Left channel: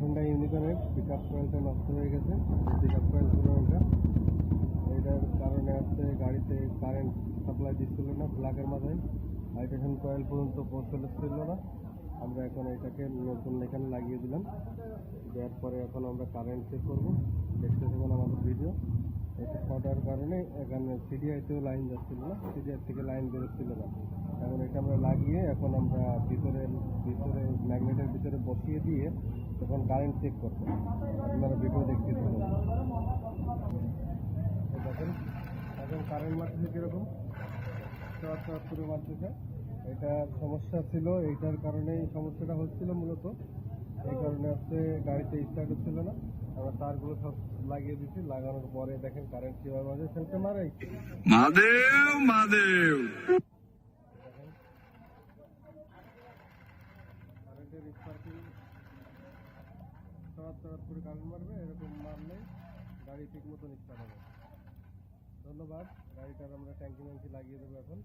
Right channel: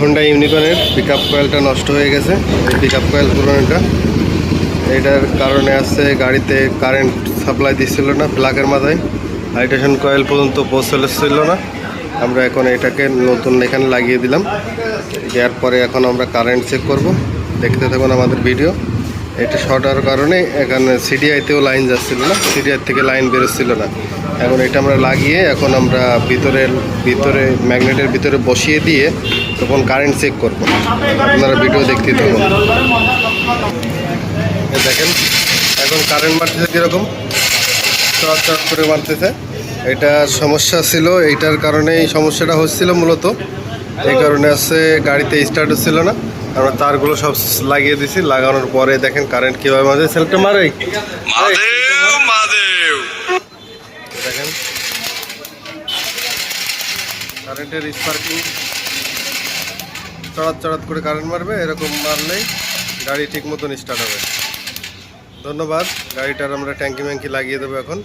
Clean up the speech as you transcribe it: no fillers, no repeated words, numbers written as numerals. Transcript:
Honda ইউনিকর্নের pickup কয়েলটা নষ্ট হয়ে গেছে। এই পিকআপ কয়েল পুরোনোটা, এটার কারণে আছে গাড়িতে কারেন্ট সাপ্লাই দিচ্ছিল না, প্লাগের মাথায় হাইড্রেশন কয়েল পর্যন্ত পৌঁছাচ্ছিল না। আমরা এখন এটাকে নতুন এখানে লাগিয়ে দিলাম। দেওয়ার পরে এখন আমরা কারেন্ট চেক করব, দেখতে থাকুন আমাদের ভিডিও। এটা শর্ট হওয়ার কারণে এখানে সিডিআইতেও লাইন যাচ্ছিল না, সিডিআই থেকে লাইন বেরোচ্ছিল না। এখন এটা আমরা লাগিয়ে এখন আমরা ভিতরে ম্যাগনেটের ভিতরে বসিয়ে দিয়ে তখন কারেন্ট চেক করব। আপনারা ভিডিও দেখতে থাকুন। দেখেন এখন কারেন্ট মারতেছে কীরকম, চট চট করে মারতেছে। এটার সমস্যা ছিল, এইটার কারণে এই সমস্যাটা হচ্ছিল মূলত। এই কারণে আছে গাড়িতে স্টার্ট হচ্ছিল না। আমরা তারগুলো সব লাগিয়ে দিছি, লাগানোর পরে দেখেন কারেন্ট কীভাবে মাঝে সেলফটা মারে। দেখেন কারেন্টের স্পার্কিং চড়াত চড়াত করে কারেন্ট মারবে, এরকম মারলেই গাড়ি ঠিক মতন স্টার্ট হবে। ধন্যবাদ। গাড়িটার আমরা ট্যাঙ্কি ম্যাঙ্কি লাগিয়ে দেবো এখন।